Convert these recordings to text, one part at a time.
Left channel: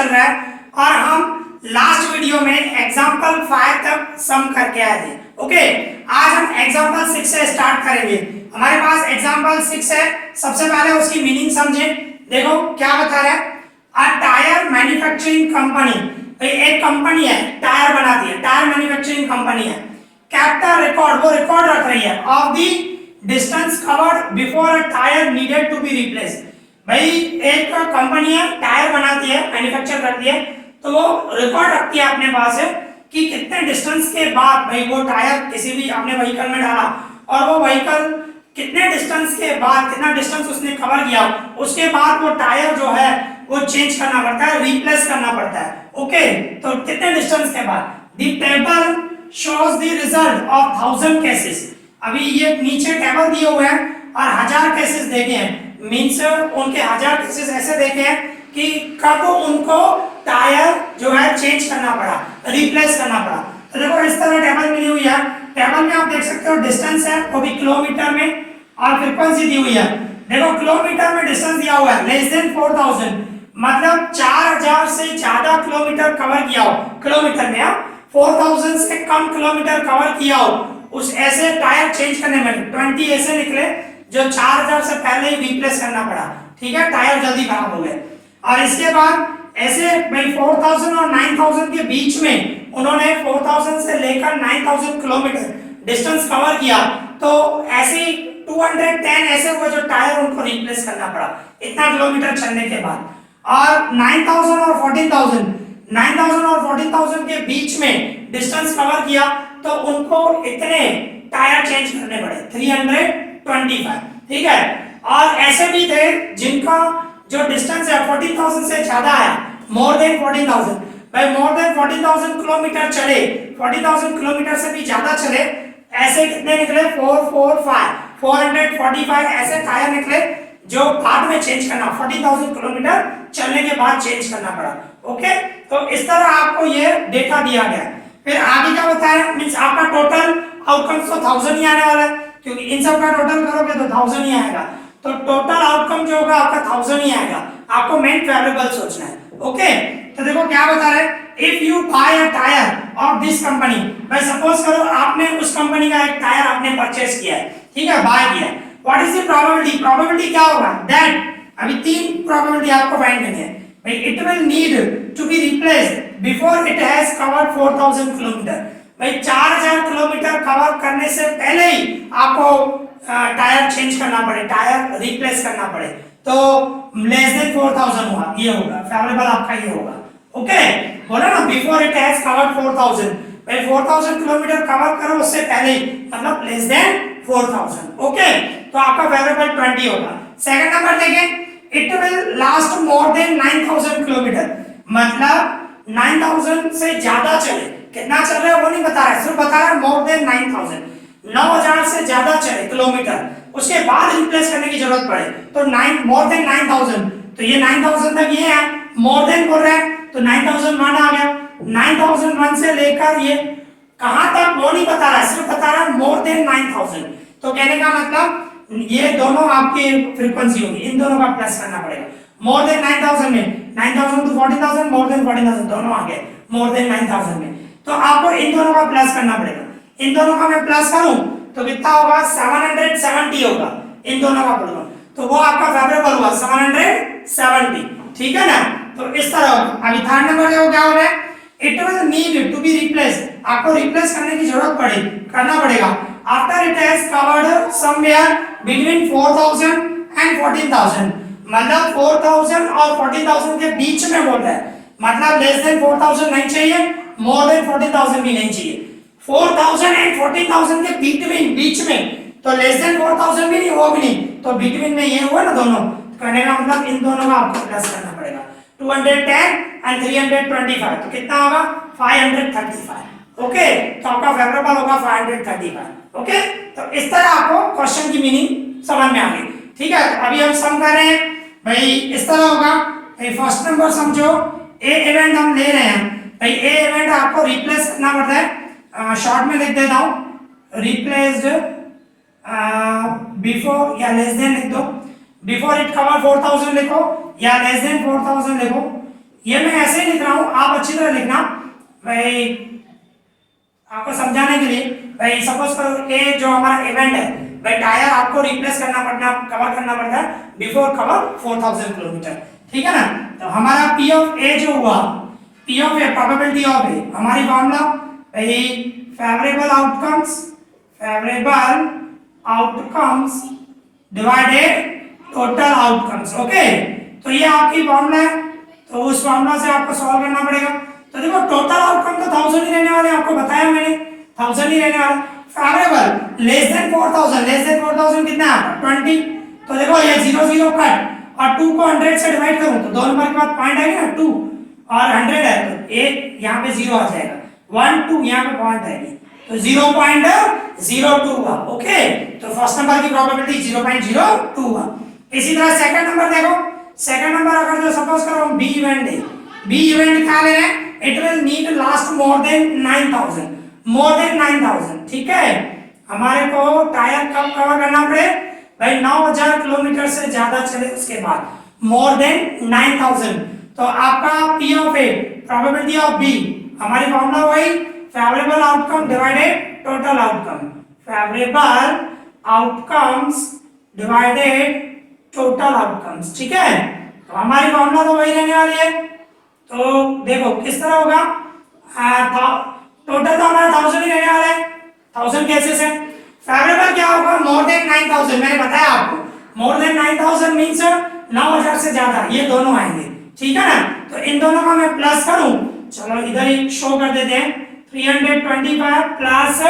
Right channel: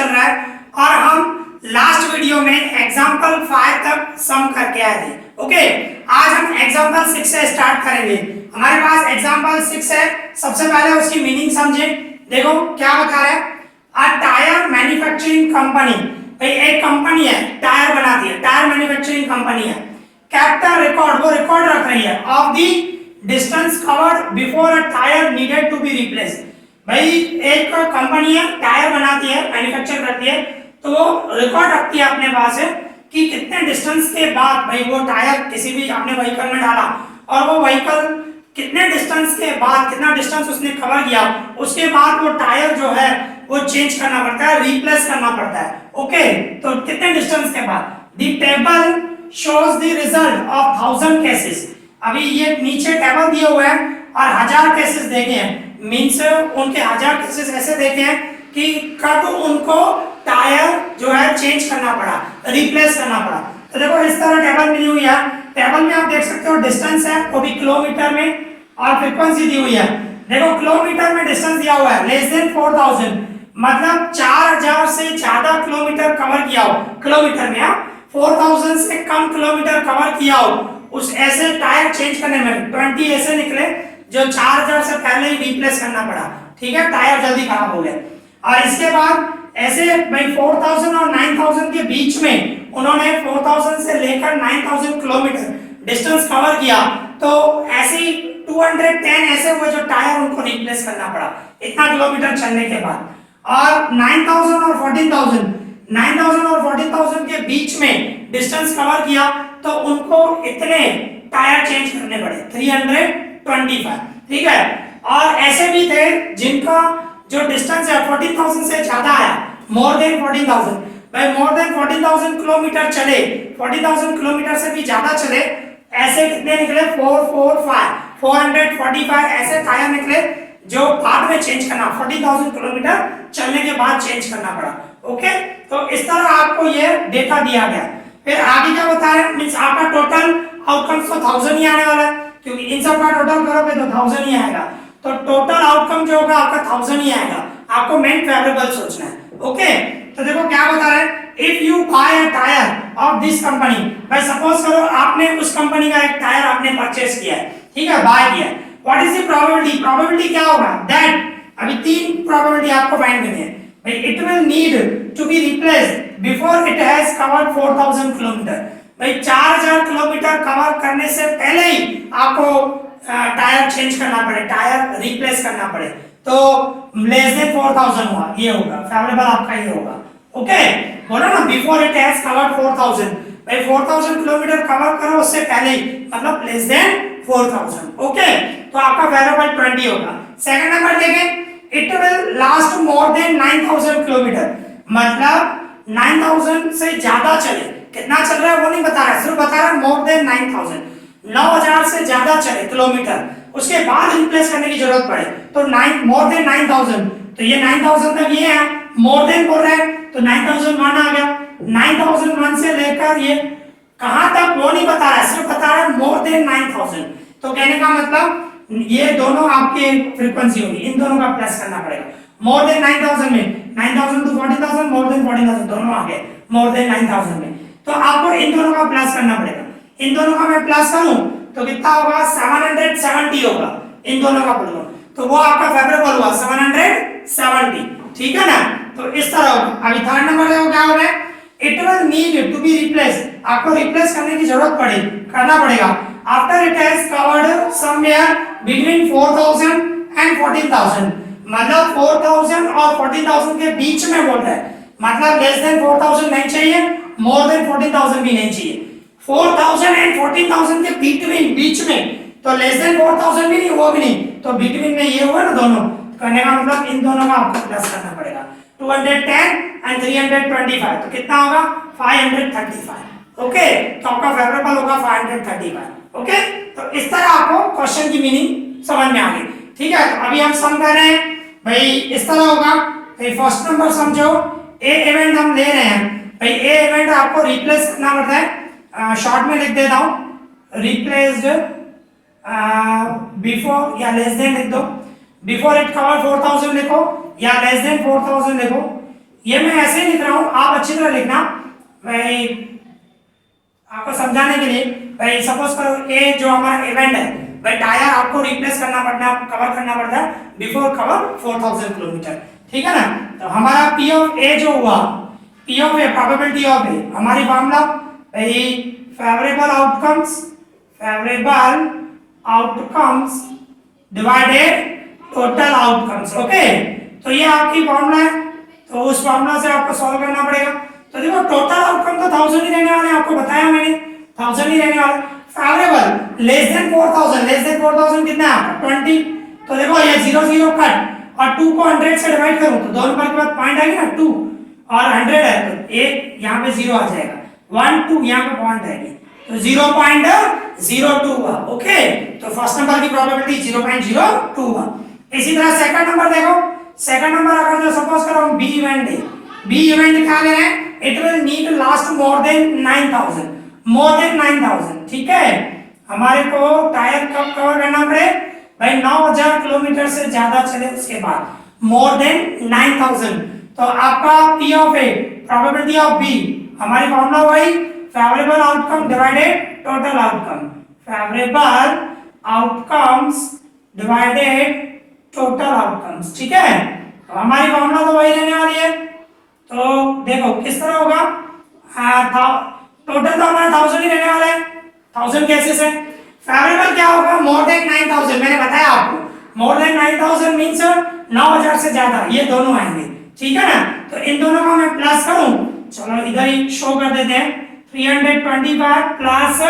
चल रहा है और हम लास्ट वीडियो में एग्जाम्पल 5 तक सम करके आए थे। ओके, आज हम एग्जाम्पल 6 से स्टार्ट करेंगे। हमारे पास एग्जाम्पल 6 है। सबसे पहले उसकी मीनिंग समझे। देखो क्या बता रहा है, अ टायर मैन्युफैक्चरिंग कंपनी, भाई एक कंपनी है टायर बनाती है, टायर मैन्युफैक्चरिंग कंपनी है, kept a record, वो रिकॉर्ड रख रही है of the distance covered before a tyre needed to be replaced. भाई एक कंपनी है टायर बनाती है, मैन्युफैक्चर करती है, तो वो रिकॉर्ड रखती है अपने पास है कि कितने डिस्टेंस के बाद भाई वो टायर किसी भी आपने व्हीकल में डाला और वो व्हीकल कितने डिस्टेंस के बाद, कितना डिस्टेंस उसने कवर किया, उसके बाद वो टायर जो है वो चेंज करना पड़ता है, रिप्लेस करना पड़ता है। ओके, तो कितने डिस्टेंस के बाद। दी table shows the result of 1000 cases। अभी ये नीचे टेबल दिए हुए हैं और 1000 केसेस देखे हैं, मींस उनके 1000 केसेस ऐसे देखे हैं कि कब उनको टायर जो है चेंज करना पड़ा, रिप्लेस करना पड़ा। तो देखो इस तरह टेबल मिली हुई है। टेबल में आप देख सकते हो डिस्टेंस है वो भी किलोमीटर में और फ्रीक्वेंसी दी हुई है। देखो किलोमीटर में डिस्टेंस दिया हुआ है लेस देन 4000, मतलब 4000 से ज्यादा किलोमीटर कवर किया हो, किलोमीटर में 4000 से कम किलोमीटर कवर किया हो, उस ऐसे टायर चेंज करने में 20 ऐसे निकले जो 4000 से पहले ही रिप्लेस करना पड़ा। ठीक है, टायर जल्दी खराब हो गया। और इसके बाद ऐसे भाई 4000 और 9000 के बीच में उन्होंने 4000 से लेकर 9000 किलोमीटर डिस्टेंस कवर किया, तो ऐसे 210 ऐसे हुए जो टायर उनको रिप्लेस करना पड़ा इतना किलोमीटर चलने के बाद। और 9000 और 14000, 9000 और 14000 के बीच में डिस्टेंस कवर किया तो उनको इतने टायर चेंज करने पड़े 325। ठीक है, और ऐसे भी थे जिनका जो डिस्टेंस है 14000 से ज्यादा है, मोर देन 14000, भाई मोर देन 14000 किलोमीटर चले, 40000 किलोमीटर से भी ज्यादा चले, ऐसे कितने निकले 445 ऐसे टायर निकले जो बाद में चेंज करना, 40000 किलोमीटर चलने के बाद चेंज करना पड़ा। ओके, तो इस तरह आपको ये डेटा दिया गया। फिर आगे क्या बता रहे हैं, मींस आपका टोटल आउटकम तो 1000 ही आने वाला है, क्योंकि इन सब का टोटल करोगे तो 1000 ही आएगा, तो टोटल आउटकम जो होगा आपका 1000 ही आएगा। आपको मेन फेवरेबल सोचना है। ओके, तो देखो क्या बता रहे हैं, if you buy a tyre of this company, भाई सपोज करो आपने उस कंपनी का एक टायर आपने परचेस किया है, ठीक है, बाय किया, what is the probability, probability क्या होगा, दैट अभी 3 प्रोबेबिलिटी आपको फाइंड करनी है। भाई it will need to be replaced before it has covered 4000 kilometre, भाई 4000 किलोमीटर कवर करने से पहले ही आपको टायर चेंज करना पड़े, टायर रिप्लेस करना पड़े, तो लेस देन 4000 होगा, ये होगा फेवरेबल आपका, ये होगा। ओके, बोला ना बिफोर इट हैज कवर्ड 4000, भाई 4000 किलोमीटर कवर करो उससे पहले ही, मतलब लेस देन 4000। ओके, तो आपका फेवरेबल 20 होगा। सेकंड नंबर देखें, it will last more than 9000 kilometre, मतलब 9000 से ज्यादा चले, कितना चल रहा है वो नहीं बता रहा है, सिर्फ बता रहा है मोर देन 9000, 9000 से ज्यादा चले किलोमीटर, उसके बाद रिप्लेस करने की जरूरत पड़े तो 9 मोर देन 9000, तो ये 9000 तक ये है, मोर देन बोल रहा है तो 9001 आ गया, 9001 से लेकर ये कहां तक वो नहीं बता रहा है, सिर्फ बता रहा है मोर देन 9000। तो कहने का मतलब ये दोनों आपकी फ्रीक्वेंसी होगी, इन दोनों का प्लस करना पड़ेगा। मोर देन 9000 में 9000 टू 40000, मोर देन 40000 दोनों आ गए मोर देन 9000 में, तो आपको इन दोनों का प्लस करना पड़ेगा। इन दोनों का मैं प्लस करूं तो कितना होगा, 770 होगा, इन दोनों का बोलूं तो वो आपका फेवरेबल हुआ 770। ठीक है ना, तो इस तरह अभी थर्ड नंबर का क्या हो रहा है, it will need to be replace, आपको रिप्लेस करने की जरूरत करना पड़ेगा after it has covered somewhere between 4000 and 14000, मतलब 4000 और 14000 के बीच में बोल रहा है, मतलब लेस देन 4000 नहीं चाहिए, मोर देन 14000 भी नहीं चाहिए, 4000 एंड 14000 के बीच में, तो लेस देन 4000 भी नहीं, वो भी नहीं, तो बिटवीन में ये हुआ ना दोनों, करने का मतलब इन दोनों का आपको प्लस करना पड़ेगा, 210 एंड 325, तो कितना होगा 535। ओके, तो आपका फेवरेबल होगा 535। ओके, तो इस तरह आपको क्वेश्चन की मीनिंग समझ में आ गई। ठीक है, तो अभी हम सम कर रहे हैं, भाई इस तरह होगा, भाई फर्स्ट नंबर समझो, ए इवेंट हम ले रहे हैं, भाई ए इवेंट आपको रिप्लेस करना पड़ता है, शॉर्ट में लिख देता हूं, रिप्लेस्ड बिफोर या लेस देन लिख दो, बिफोर इट कवर 4000 लिखो या लेस देन 4000 लिखो, ये मैं ऐसे ही लिख रहा हूँ, आप अच्छी तरह लिखना भाई, आपको समझाने के लिए। भाई सपोज करो कि जो हमारा इवेंट है भाई, टायर आपको रिप्लेस करना पड़ना, कवर करना पड़ता है बिफोर कवर 4000 किलोमीटर, ठीक है ना। तो हमारा पी ऑफ ए जो हुआ, P of A probability of a, हमारी फॉर्मूला भाई favourable outcomes divided total outcomes. Okay, तो ये आपकी फॉर्मूला है, तो उस फॉर्मूला से आपको सॉल्व करना पड़ेगा। तो देखो टोटल आउटकम तो 1000 ही रहने वाले हैं, आपको बताया मैंने 1000 ही रहने वाला। फेवरेबल लेस देन 4000 कितना है 20, तो देखो ये 0 0 कट और 2 को 100 से डिवाइड करूं तो दो नंबर के बाद पॉइंट आएगी ना 2 और 100 है तो एक यहाँ पे 0 आ जाएगा, 1 2 यहाँ पे पॉइंट आएगी तो 0.02 हुआ। ओके, तो फर्स्ट नंबर की प्रोबेबिलिटी 0.02 हुआ। इसी तरह सेकंड नंबर देखो, सेकंड नंबर अगर जो सपोज करो हम बी इवेंट है, बी इवेंट क्या ले रहे हैं, it will need last more than 9000, ठीक है। हमारे को टायर कब कवर करना पड़े भाई, 9000 किलोमीटर से ज्यादा चले उसके बाद मोर देन 9000। तो आपका P of A probability of B, हमारी फॉर्मूला वही favourable outcome divided total outcome, favourable outcomes divided total outcomes, ठीक है। तो हमारी फॉर्मूला तो वही रहने वाली है। तो देखो किस तरह होगा, टोटल तो हमारा 1000 ही रहने वाला है, 1000 केसेस है। फेवरेबल क्या होगा, मोर देन 9000, मैंने बताया आपको मोर देन 9000 मींस 9000 से ज्यादा, ये दोनों आएंगे, ठीक है ना। तो इन दोनों का मैं प्लस करूं, चलो इधर ही शो कर देते हैं, 325 प्लस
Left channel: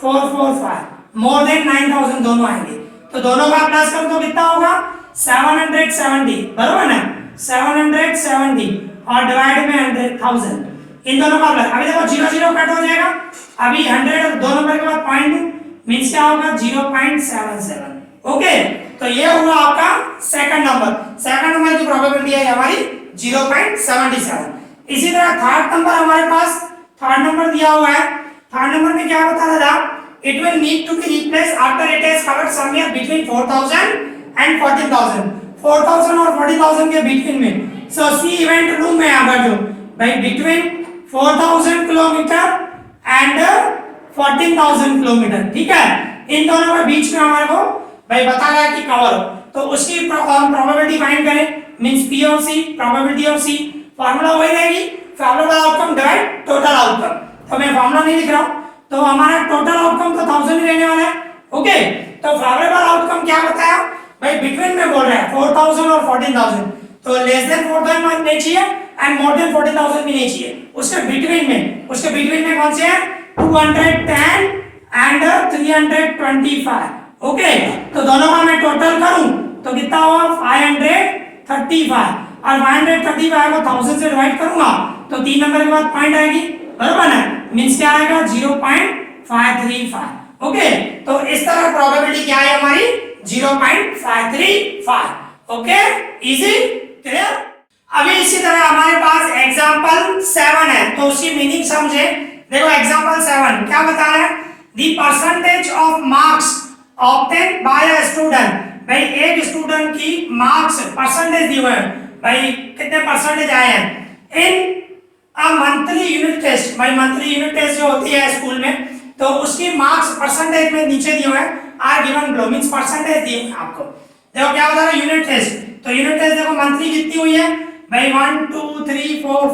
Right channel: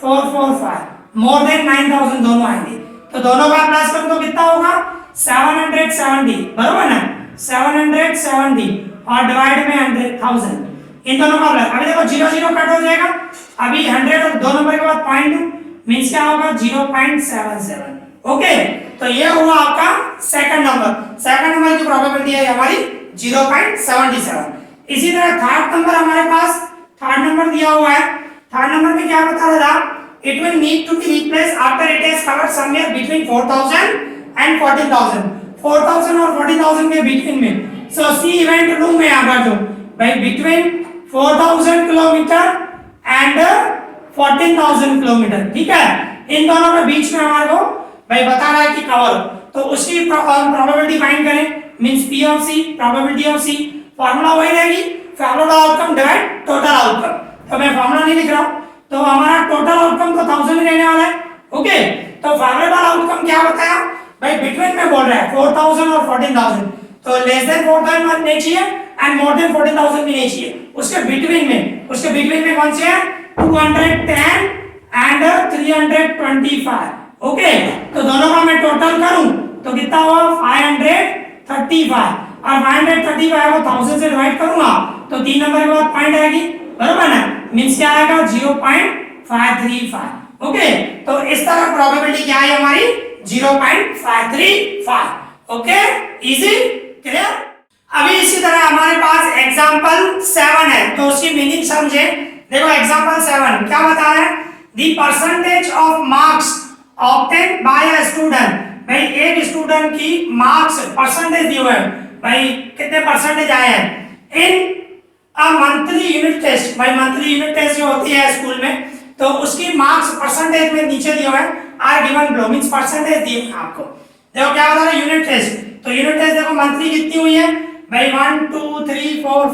445 मोर देन 9000 दोनों आएंगे। तो दोनों का प्लस करूं तो कितना होगा 770, बरोबर ना, 770 और डिवाइड में 1000, इन दोनों का प्लस। अभी देखो 0 0 कट हो जाएगा, अभी 100 दो नंबर के बाद पॉइंट मींस क्या होगा 0.77। ओके, तो ये हुआ आपका सेकंड नंबर, सेकंड नंबर की प्रोबेबिलिटी है हमारी 0.77। इसी तरह थर्ड नंबर हमारे पास, थर्ड नंबर दिया हुआ है, थर्ड नंबर में क्या बता रहा था, it will need to be replaced after it is covered somewhere between 4000 and 14000, 4000 और 40000 के बीच में। सो सी इवेंट लूं मैं अगर जो भाई बिटवीन 4000 किलोमीटर एंड 14000 किलोमीटर, ठीक है, इन दोनों के बीच में हमारे को भाई बता रहा है कि कवर, तो उसकी प्रोबेबिलिटी फाइंड करें, means P of C probability of C, formula वही रहेगी favourable outcome divide total outcome. तो मैं फार्मूला नहीं लिख रहा हूं, तो हमारा टोटल आउटकम तो 1000 ही रहने वाला है। ओके, तो फेवरेबल आउटकम क्या बताया भाई, बिटवीन में बोल रहा है 4000 और 14000, तो लेस देन 4000 नहीं चाहिए एंड मोर देन 14000 भी नहीं चाहिए, उसके बिटवीन में कौन से हैं 210 एंड 325। ओके, तो दोनों का मैं टोटल करूं तो कितना हुआ 535 और 535 को 1000 से डिवाइड करूंगा तो 3 नंबर के बाद पॉइंट आएगी, बराबर ना, मींस क्या आएगा 0.535। ओके, तो इस तरह प्रोबेबिलिटी क्या है हमारी 0.535। Okay, easy, clear. अभी इसी तरह हमारे पास एग्जांपल 7 है, तो उसकी मीनिंग समझे। देखो एग्जांपल 7 क्या बता रहा है, the percentage of marks obtain bye a student, भाई एक स्टूडेंट की मार्क्स परसेंटेज दिए हुए हैं, भाई कितने परसेंटेज आए हैं इन अ मंथली यूनिट टेस्ट। भाई मंथली यूनिट टेस्ट जो होती है स्कूल में, तो उसकी मार्क्स परसेंटेज में नीचे दिए हुए हैं, are given below, means percentage दिए हैं आपको। देखो क्या बता रहा है यूनिट टेस्ट, तो यूनिट टेस्ट देखो मंथली कितनी हुई है भाई 1 2 3 4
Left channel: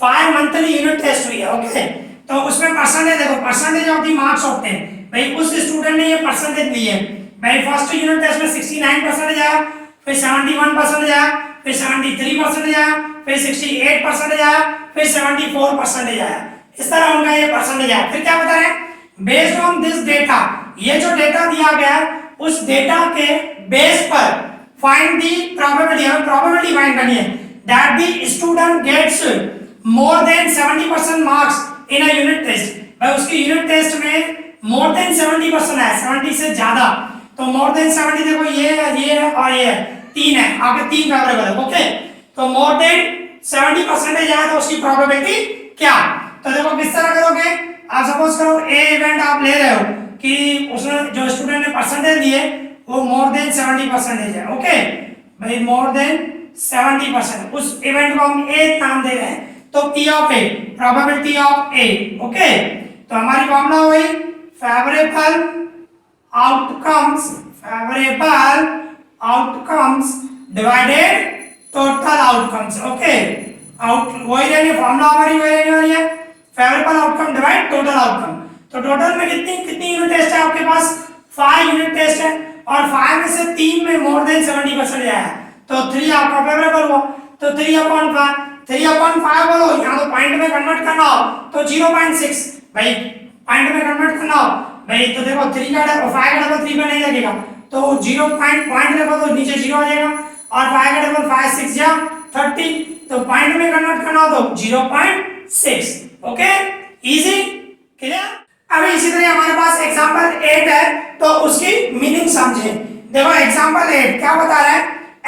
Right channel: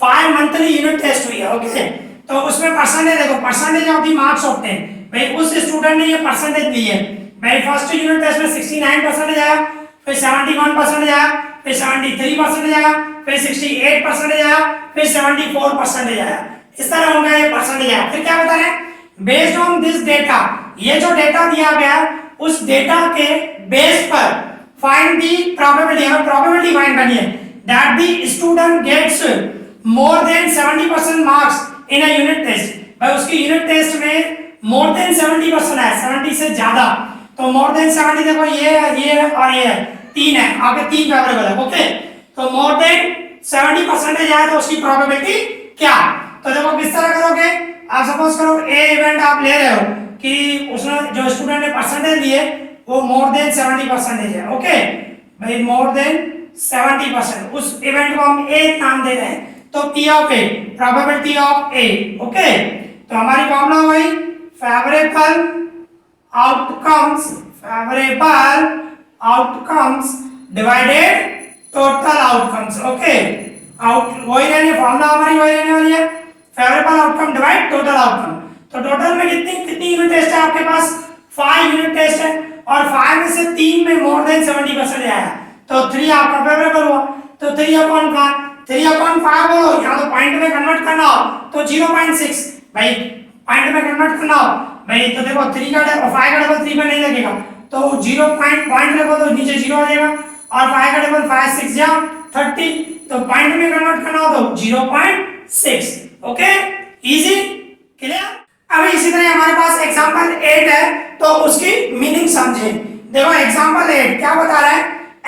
5 मंथली यूनिट टेस्ट हुई है। ओके, तो उसमें परसेंटेज देखो, percentage of the marks of 10, भाई उस स्टूडेंट ने ये परसेंटेज ली है, भाई फर्स्ट यूनिट टेस्ट में 69% आया, फिर 71% आया, फिर 73% आया, फिर 68% आया, फिर 74% आया, इस तरह उनका ये परसेंटेज आया। फिर क्या बता रहे हैं, बेस्ड ऑन दिस डेटा, ये जो डेटा दिया गया उस डेटा के बेस पर फाइंड दी प्रोबेबिलिटी, हमें प्रोबेबिलिटी फाइंड करनी है that the student gets more than 70% marks in a unit test. भाई उसकी यूनिट टेस्ट में मोर देन 70% है, 70 से ज्यादा, तो मोर देन 70 देखो ये और ये तीन है, आगे तीन फेवरेबल है। ओके, तो मोर देन 70% आया तो उसकी प्रोबेबिलिटी क्या, तो देखो किस तरह करोगे, आप सपोज करो ए इवेंट आप ले रहे हो कि उसने जो स्टूडेंट ने परसेंटेज लिए वो मोर देन 70% है। ओके भाई, मोर देन 70%, उस इवेंट को हम ए नाम दे रहे हैं, तो P of A, probability of A. Okay, तो हमारी फॉर्मूला वही favourable outcomes divided total outcomes. Okay, वही रहने फॉर्मूला हमारी वही रहने वाली है, favourable outcome divide total outcome. तो टोटल में कितनी कितनी यूनिट टेस्ट है आपके पास? 5 यूनिट टेस्ट है, और 5 में से 3 में मोर देन 70% आया, तो 3 आपका फेवरेबल हुआ, तो 3/5 3/5 बोलो, यहाँ तो पॉइंट में कन्वर्ट करना हो तो 0.6, भाई पॉइंट में कन्वर्ट करना हो भाई, तो देखो 3 का डबल 5 का डबल 3 पे नहीं लगेगा, तो 0 पॉइंट देखो तो नीचे 0 आ जाएगा, और 5 का डबल 5 6 या 30, तो पॉइंट में कन्वर्ट करना हो तो 0.6। Okay, easy, clear. अभी इसी तरह हमारे पास एग्जांपल 8 है, तो उसकी मीनिंग समझे। देखो एग्जांपल 8 क्या बता रहा है,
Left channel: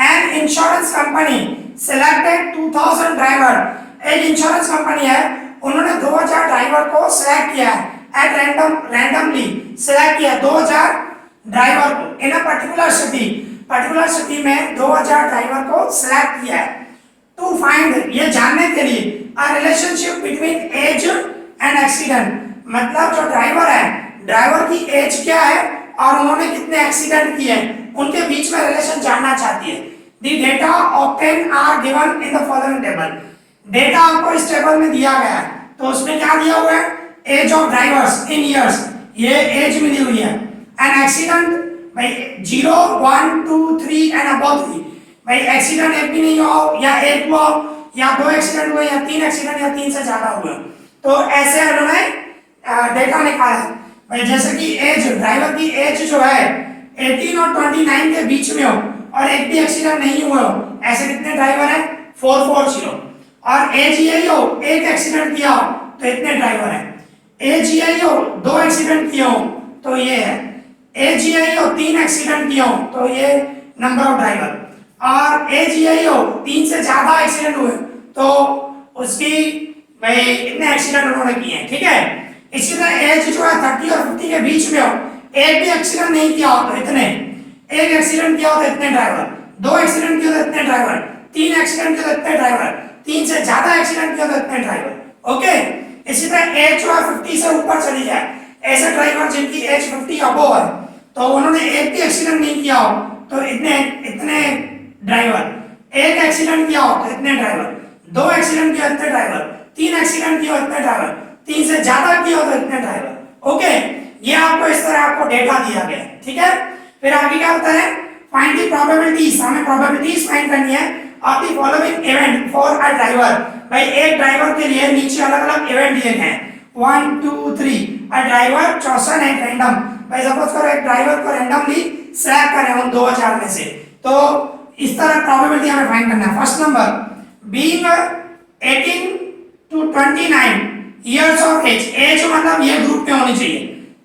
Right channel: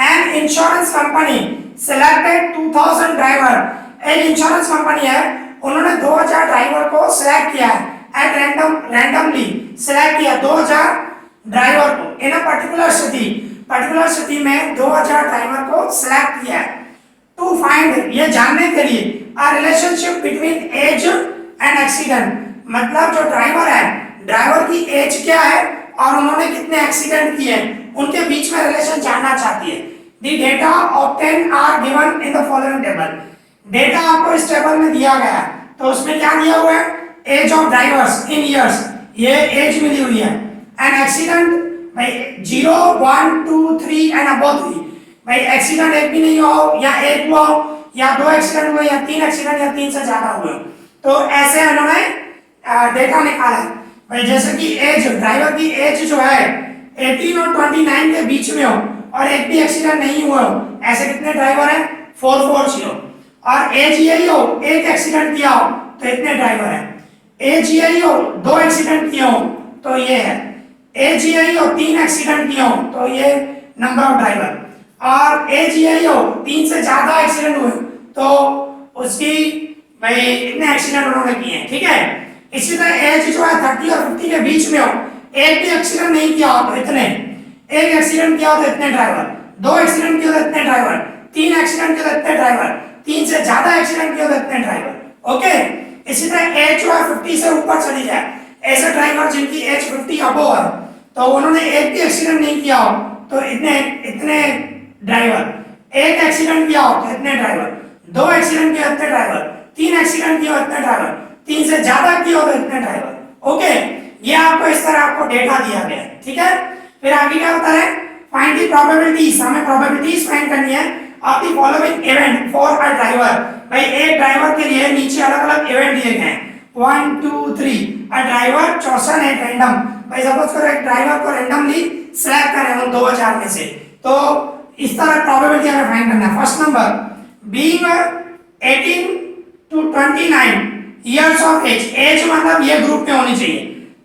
an insurance company selected 2000 driver. एक इंश्योरेंस कंपनी है, उन्होंने 2000 ड्राइवर को सिलेक्ट किया है, एट रैंडमली सिलेक्ट किया 2000 ड्राइवर को इन अ पर्टिकुलर सिटी में 2000 ड्राइवर को सिलेक्ट किया है, टू फाइंड, ये जानने के लिए, a relationship between age and accident, मतलब जो ड्राइवर है, ड्राइवर की एज क्या है और उन्होंने कितने एक्सीडेंट किए, उनके बीच में रिलेशन जानना चाहती है। The data obtain are given in the following table. Data आपको इस टेबल में दिया गया है, तो उसमें क्या दिया हुआ है, age of drivers in years, ये एज मिली हुई है, एंड एक्सीडेंट भाई 0 1 2 3 एंड अबव 3, भाई एक्सीडेंट एक भी नहीं हो, या एक हुआ या 2 एक्सीडेंट हुए, या 3 एक्सीडेंट या 3 से ज्यादा हुए, तो ऐसे उन्होंने डेटा निकाला है। भाई जैसे कि एज, ड्राइवर की एज जो है 18 और 29 के बीच में हो, और एक भी एक्सीडेंट नहीं हुआ हो, ऐसे कितने ड्राइवर हैं, 440, और एज यही हो, एक एक्सीडेंट किया हो तो इतने ड्राइवर हैं, एज यही हो 2 एक्सीडेंट किए हो तो ये है, एज यही हो 3 एक्सीडेंट किए हो तो ये नंबर ऑफ ड्राइवर, और एज यही हो 3 से ज्यादा एक्सीडेंट हुए तो उसकी भाई इतने एक्सीडेंट उन्होंने किए हैं। ठीक है, इसी तरह एज जो है 30 और 50 के बीच में हो, एक भी एक्सीडेंट नहीं किया हो तो इतने, एक एक्सीडेंट किया हो तो इतने ड्राइवर, 2 एक्सीडेंट किया हो तो इतने ड्राइवर, 3 एक्सीडेंट किया तो इतने ड्राइवर, 3 से ज्यादा एक्सीडेंट किया तो इतने ड्राइवर। ओके, इसी तरह एज जो है 50 से ऊपर चली जाए, ऐसे ड्राइवर जिनकी एज 50 अबव है, तो उन्होंने एक भी एक्सीडेंट नहीं किया हो तो इतने इतने ड्राइवर, एक एक्सीडेंट किया हो तो इतने ड्राइवर, 2 एक्सीडेंट किया इतने ड्राइवर, 3 एक्सीडेंट किया इतने ड्राइवर, 3 से ज्यादा किया हो तो इतने ड्राइवर। ओके, ये आपको इस तरह आपको डेटा दिया गया है। ठीक है, फिर आगे क्या होता है, फाइंड द प्रोबेबिलिटीज, हमें प्रोबेबिलिटीज फाइंड करनी है of the following event for a driver. भाई एक ड्राइवर के लिए नीचे अलग अलग इवेंट दिए गए हैं, 1 2 3, अ ड्राइवर चॉसन एट रैंडम। भाई सपोज करो एक ड्राइवर को रैंडमली सिलेक्ट करें हम 2000 में से, तो इस तरह प्रोबेबिलिटी हमें फाइंड करना है। First number, being 18 to 29 years of age, age मतलब ये ग्रुप में होनी चाहिए,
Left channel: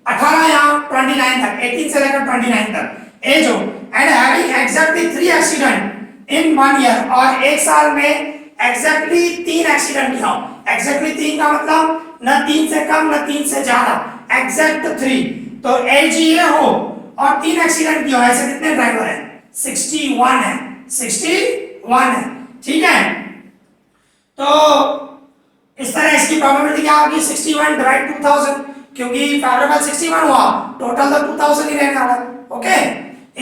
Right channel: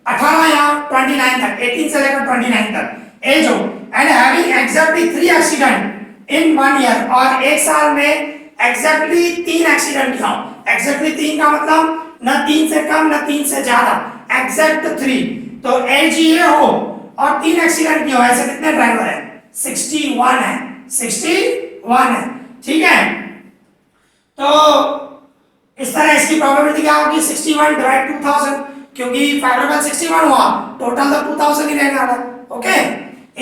18 या 29 तक, 18 से लेकर 29 तक एज हो, and having exactly 3 accident in 1 year, और एक साल में एग्जैक्टली 3 एक्सीडेंट किया हो। एग्जैक्टली 3 का मतलब न 3 से कम न 3 से ज्यादा, एग्जैक्ट 3, तो एज ये हो और 3 एक्सीडेंट किया हो, ऐसे कितने ड्राइवर है, 61 है, 61 है। ठीक है, तो इस तरह इसकी प्रोबेबिलिटी क्या होगी, 61 डिवाइड 2000, क्योंकि फेवरेबल 61 हुआ, टोटल तो 2000 ही रहने वाला। ओके,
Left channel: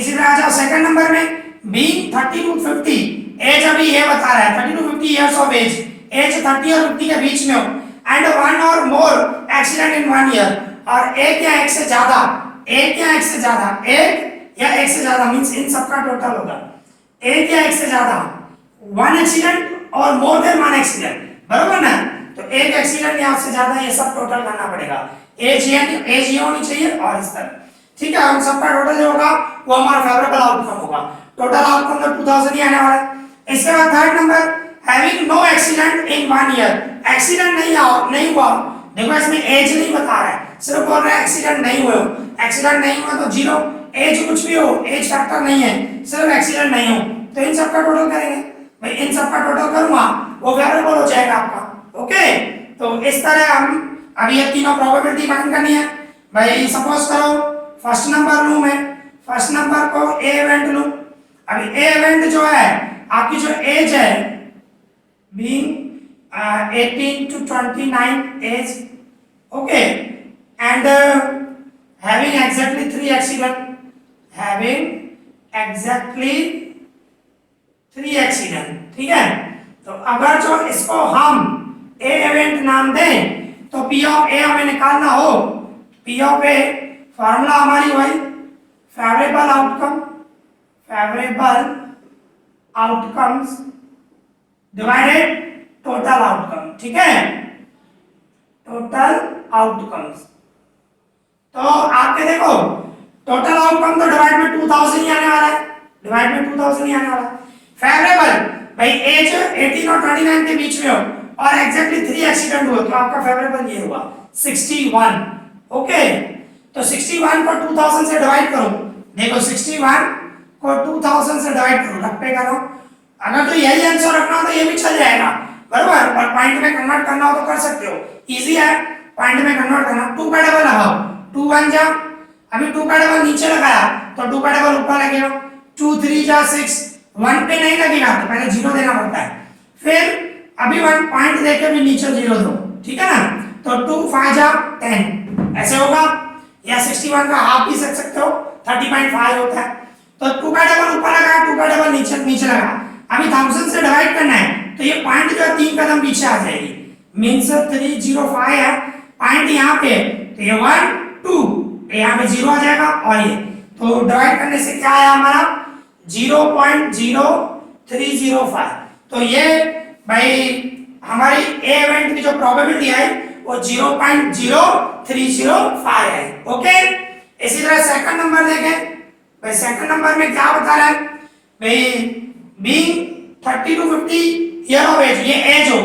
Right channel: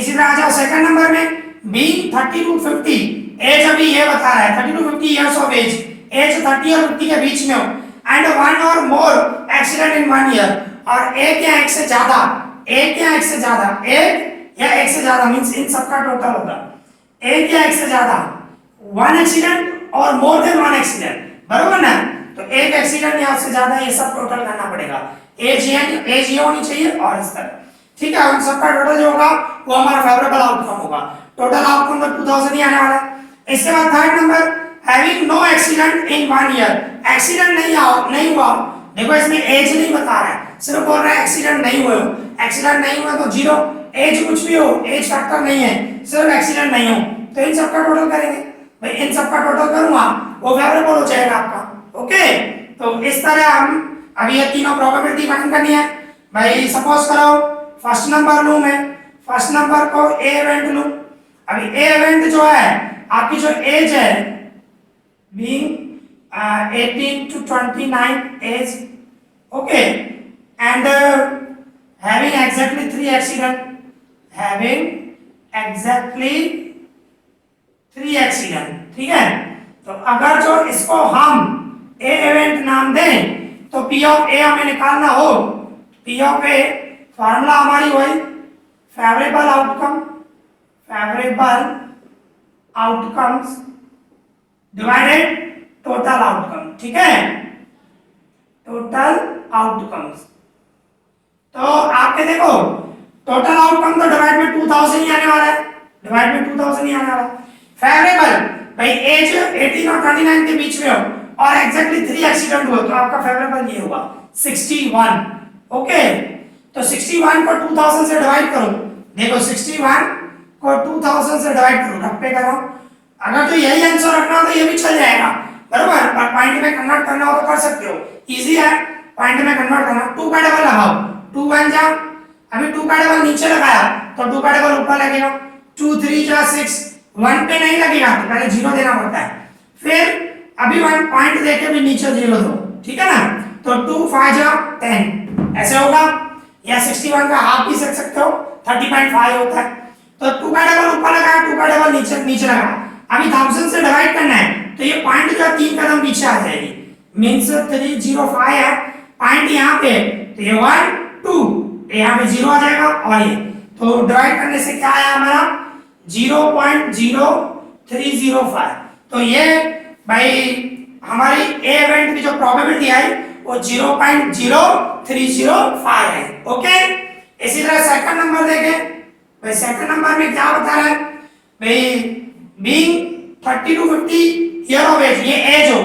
इसी तरह आ जाओ सेकंड नंबर में, बीइंग 30 to 50, एज अभी ये बता रहा है 30 to 50 years of age, age 30 और 50 के बीच में हो, and 1 or more accident in 1 year, और एक या एक से ज्यादा, एक या एक से ज्यादा, एक या एक से ज्यादा मींस इन सबका टोटल होगा, एक या एक से ज्यादा, 1 एक्सीडेंट और मोर देन 1 एक्सीडेंट, बरोबर ना, तो एक एक्सीडेंट या उससे ज्यादा, ये सब टोटल करना पड़ेगा, एज ये होनी चाहिए और इस तरह। ठीक है, उन सबका टोटल जो होगा वो हमारा फेवरेबल आउटकम होगा, टोटल आउटकम तो 2000 ही आने वाला है। इसके बाद third number, having no accident in 1 year, accident नहीं हुआ, देखो इसमें एज नहीं बता रहा है, सिर्फ बोल रहा है एक्सीडेंट नहीं हुए, एक्सीडेंट नहीं हुआ तो 0, एज कुछ भी हो, एज फैक्टर नहीं है, सिर्फ एक्सीडेंट नहीं हो, तो इन सबका टोटल करेंगे, भाई इन सबका टोटल करूंगा वो फेवरेबल हो जाएगा आपका। ओके, तो इस तरह हम अभी ये तीनों प्रोबेबिलिटी फाइंड करनी है। भाई सपोज करो फर्स्ट नंबर लूं मैं, फर्स्ट नंबर को ए इवेंट लूं, अभी ए इवेंट जो है आपकी जो एज है being 18 to 29 age, okay, and having exactly 3 accident, having exactly 3 accident, ठीक है। तो अगर जो इसको हम ए इवेंट नाम दें तो पी ऑफ ए हमें निकालना हो, पी ऑफ ए फॉर्मूला हमारी वही favourable outcome, favourable outcomes divided total outcome, ठीक है, टोटल आउटकम्स। तो आपके देखो टोटल आउटकम तो डिवाइड में 2000 ही आने वाला है, डिवाइड में 2000 ही आने वाला है। फेवरेबल भाई एज 18 और 29 के बीच में हो और एग्जैक्टली 3 एक्सीडेंट हुए तो आपका फेवरेबल ये हुआ 61, ओके। तो 61 को 2000 से डिवाइड करो, देखो 61 को 2000 से डिवाइड करो, रफ्पे करो, अगर तो यही आंसर रखना हो तो ये भी चल जाएगा, बराबर, पर पॉइंट में कन्वर्ट करना हो तो कर सकते हो, इजी है पॉइंट में कन्वर्ट करना। 2 का डबल लगाओ, 2 1 जा, अभी 2 का डबल नीचे लगाया तो 2 का डबल ऊपर लगेगा, 2 3 जा 6, 1 पे नहीं लगेगा तो पहले 0 देना पड़ता है, फिर अभी 1 पॉइंट देके भी नीचे 0 दो, ठीक है ना। तो 2 5 जा 10 ऐसे होगा, या 61 का हाफ भी रख सकते हो, 30.5 होता है। तो 2 का डबल ऊपर लगाया, 2 का डबल नीचे लगा, अभी 1000 से डिवाइड करना है तो ये पॉइंट जो 3 कदम पीछे आ जाएगी, मींस 305 है पॉइंट यहाँ पे, तो ये 1 2 यहाँ पे 0 आ जाएगा और ये तो डिवाइड करने से क्या आया हमारा 0.0305। तो ये भाई हमारी ए इवेंट की जो प्रोबेबिलिटी आई वो 0.0305 है, ओके। इसी तरह सेकंड नंबर देखें, भाई सेकंड नंबर में क्या बता रहा है भाई, being 30 to 50 year of age, ये एज हो,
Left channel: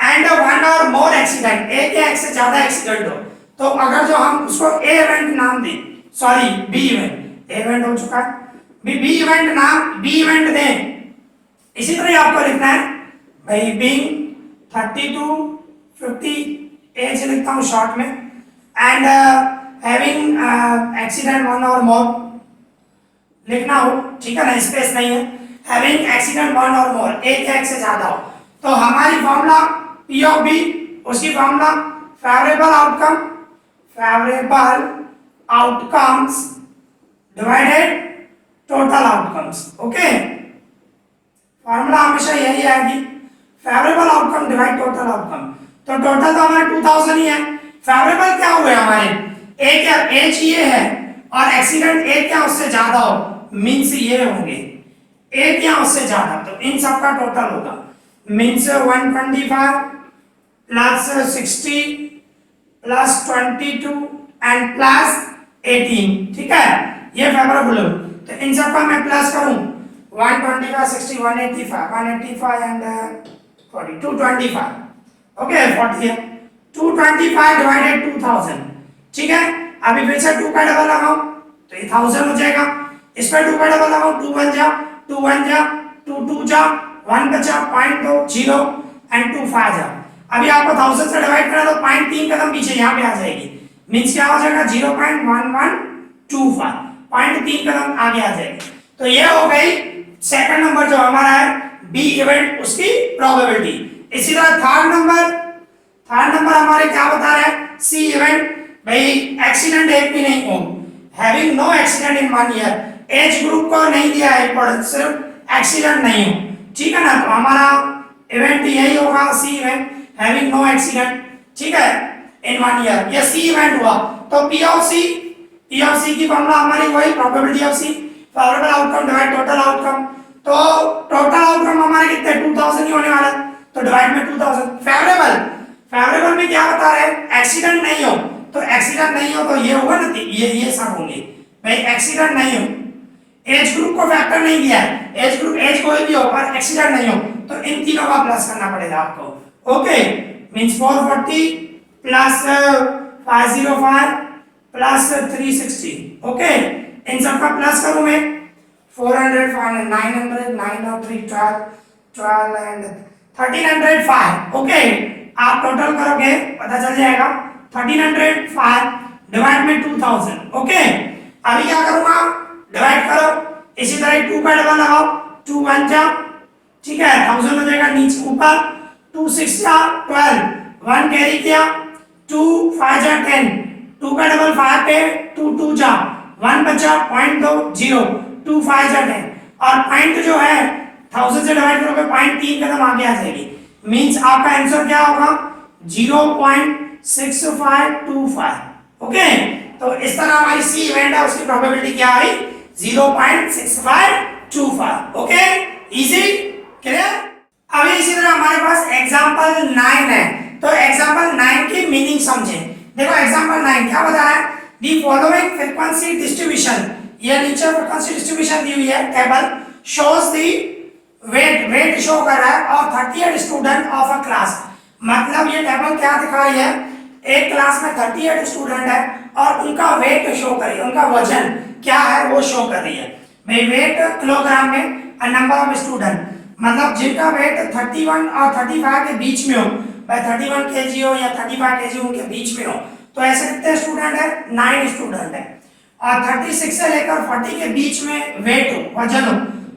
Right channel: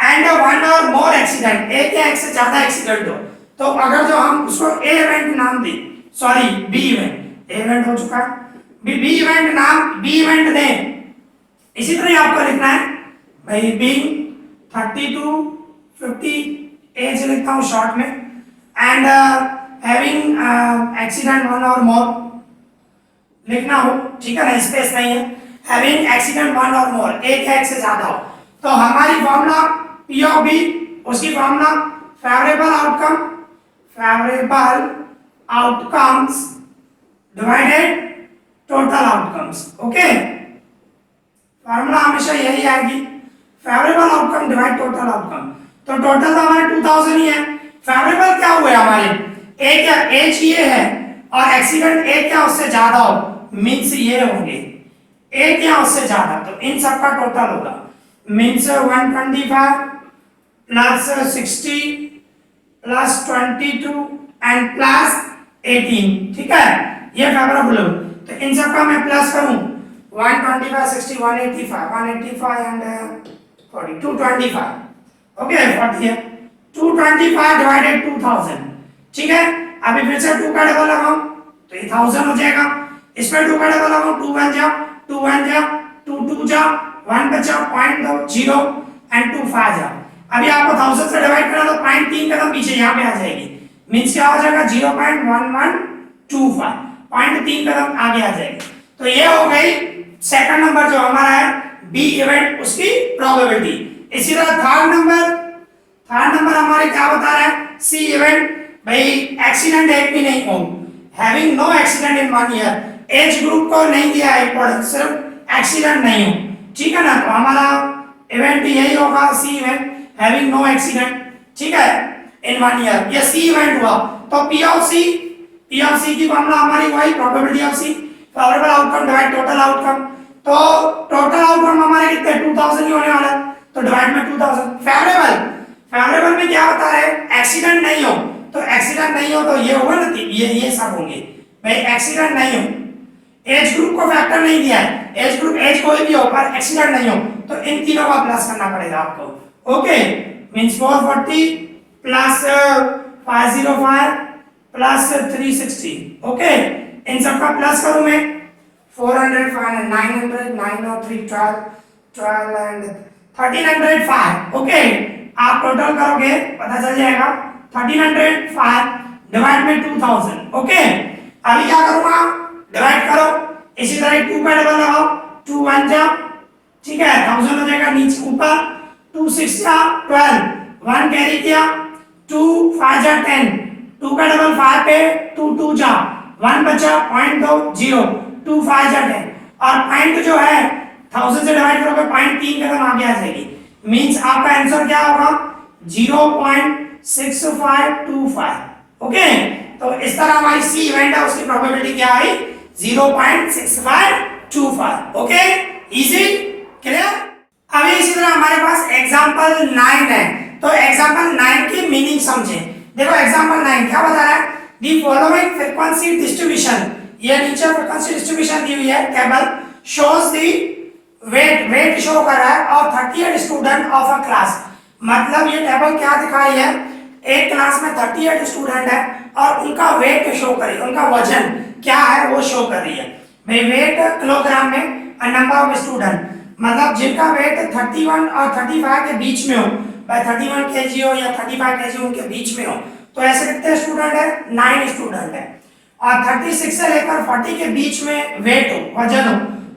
एंड 1 और मोर एक्सीडेंट, एक या एक से ज्यादा एक्सीडेंट हो, तो अगर जो हम उसको ए इवेंट नाम दें, सॉरी बी इवेंट, ए इवेंट हो चुका है, बी इवेंट नाम बी इवेंट दें, इसी तरह आपको लिखना है भाई बीइंग 30 to 50 एज लिखता हूँ शॉर्ट में, एंड हैविंग एक्सीडेंट 1 और मोर लिखना हो, ठीक है ना, स्पेस नहीं है, हैविंग एक्सीडेंट 1 और मोर, एक या एक से ज्यादा हो। तो हमारी फॉर्मूला पी ऑफ बी, उसकी formula favourable outcome, favourable outcomes divided total outcomes, okay. Formula हमेशा यही आएगी, favourable outcome divide total outcome. तो टोटल तो हमारे 2000 ही है, फेवरेबल क्या हुए हमारे, एक या एज ये है और एक्सीडेंट एक या उससे ज्यादा हो, मींस ये होंगे एक या उससे ज्यादा, तो इन सबका टोटल होगा means 125 plus 60 plus 22 and plus 18, ठीक है, ये फेवरेबल हो। तो इन सबका मैं प्लस करूं 125 60 185 एंड 40 225, ओके 40 है, 225 डिवाइडेड 2000, ठीक है। अभी फिर से 2 का डबल लगाओ तो ये 1000 हो जाएगा, इस पर 2 का डबल लगाओ, 2 1 जा 2 1 जा 2 2 जा 1 बचा 0.0 एंड 2 5 जा। अभी आपको 1000 से डिवाइड करना तो 0.3 कदम पीछे यहाँ पे आ जाएगी, मींस क्या हो जाएगा 0.1125, 0.3 कदम आगे आ जाएगी। तो ये हो गई सेकंड नंबर जो हमारा है बी इवेंट, उसकी प्रोबेबिलिटी। इसी तरह थर्ड नंबर हमारे क्या बता रहा है, सी इवेंट, भाई एक्सीडेंट एक भी नहीं हो, having no accident in 1 year, age group को नहीं दिया है इंपॉर्टेंस, सिर्फ एक्सीडेंट नहीं हो, ठीक है ना। तो हमारा इवेंट यही होगा सी इवेंट, हैविंग नो एक्सीडेंट, ठीक है, इन 1 ईयर, ये सी इवेंट हुआ। तो पी ऑफ सी की फॉर्मूला हमारी वही probability of C, favourable outcome divide total outcome. तो टोटल आउटकम हमारे कितने 2000 ही होने वाला है, तो डिवाइड में 2000। फेवरेबल में क्या बता रहे हैं, एक्सीडेंट नहीं हो, तो एक्सीडेंट नहीं हो तो ये होगा ना, ये सब होंगे भाई, एक्सीडेंट नहीं हो, एज ग्रुप को फैक्टर नहीं दिया है, एज ग्रुप एज कोई भी हो पर एक्सीडेंट नहीं हो, तो इन तीनों का प्लस करना पड़ेगा आपको, okay. Means 440 plus 505 plus 360, okay. इन सब का प्लस करूं मैं 400 500 900 9 और 3 12 एंड 1305, ओके। आप टोटल करोगे पता चल जाएगा 1305 डिवाइड में 2000, ओके। अभी क्या करूंगा, डिवाइड करो, इसी तरह 2 का डबल लगाओ, 2 1 जा ठीक है, 1000 हो जाएगा नीचे ऊपर, 2 6 या 12, 1 कैरी किया, 2 5 जा 10, 2 का डबल 5 पे 2 2 जा 1 बचा, पॉइंट दो 0, 2 5 जा 10, और पॉइंट जो है 1000 से डिवाइड करोगे पॉइंट 3 कदम आगे आ जाएगी, मींस आपका आंसर क्या होगा 0.6525। ओके, तो इस तरह हमारी सी इवेंट है उसकी प्रोबेबिलिटी क्या आई 0.6525। Okay, easy, clear. अभी इसी तरह हमारे पास एग्जांपल 9 है, तो एग्जांपल 9 की मीनिंग समझें। देखो एग्जांपल 9 क्या बता रहा है, दी फॉलोइंग फ्रीक्वेंसी डिस्ट्रीब्यूशन, ये नीचे फ्रीक्वेंसी डिस्ट्रीब्यूशन दी हुई है table, shows the weight show कर रहा है और 38 स्टूडेंट ऑफ अ क्लास, मतलब ये टेबल क्या दिखा रही है, एक क्लास में 38 स्टूडेंट है और उनका वेट शो कर रही है, उनका वजन क्या है वो शो कर रही है। भाई वेट किलोग्राम में, नंबर ऑफ स्टूडेंट, मतलब जिनका वेट 31 और 35 के बीच में हो, भाई 31 केजी हो या 35 केजी उनके बीच में हो, तो ऐसे कितने स्टूडेंट है 9 स्टूडेंट है, और 36 से लेकर 40 के बीच में वेट हो, वजन हो,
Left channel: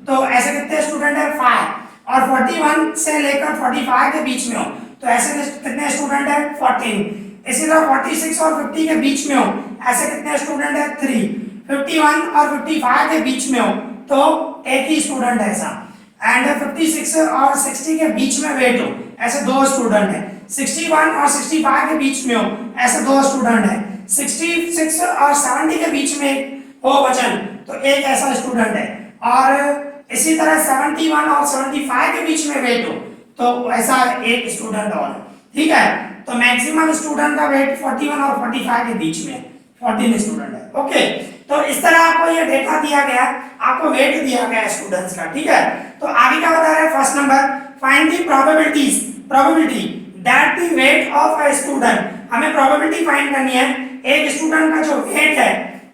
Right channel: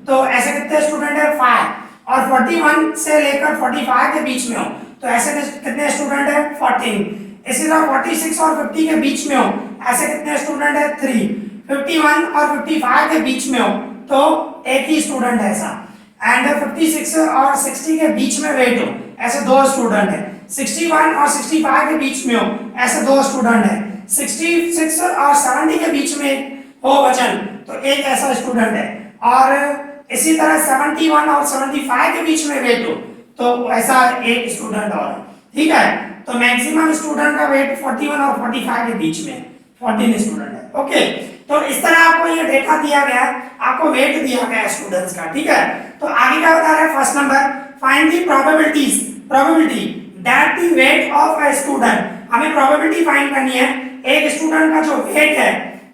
तो ऐसे कितने स्टूडेंट है 5, और 41 से लेकर 45 के बीच में हो, तो ऐसे कितने स्टूडेंट है 14, इसी तरह 46 और 50 के बीच में हो, ऐसे कितने स्टूडेंट है 3, 51 और 55 के बीच में हो तो एक ही स्टूडेंट है ऐसा, एंड 56 और 60 के बीच में वेट हो, ऐसे 2 स्टूडेंट है, 61 और 65 के बीच में हो, ऐसे 2 स्टूडेंट है, 66 और 70 के बीच में हो वजन, तो एक ऐसा स्टूडेंट है, और इसी तरह 71 और 75 के बीच में वेट हो तो ऐसा एक स्टूडेंट और, ठीक है। तो मैक्सिमम स्टूडेंट का वेट 41 और 45 के बीच में 14 स्टूडेंट है। ओके, तो इस तरह आपको ये डेटा दिया गया है, आपको वेट दिया गया है स्टूडेंट्स का, ठीक है। तो आगे क्या बता रहा है, first number find the probability that the weight of a student, हमें प्रोबेबिलिटी फाइंड करनी है एक स्टूडेंट का जो वेट है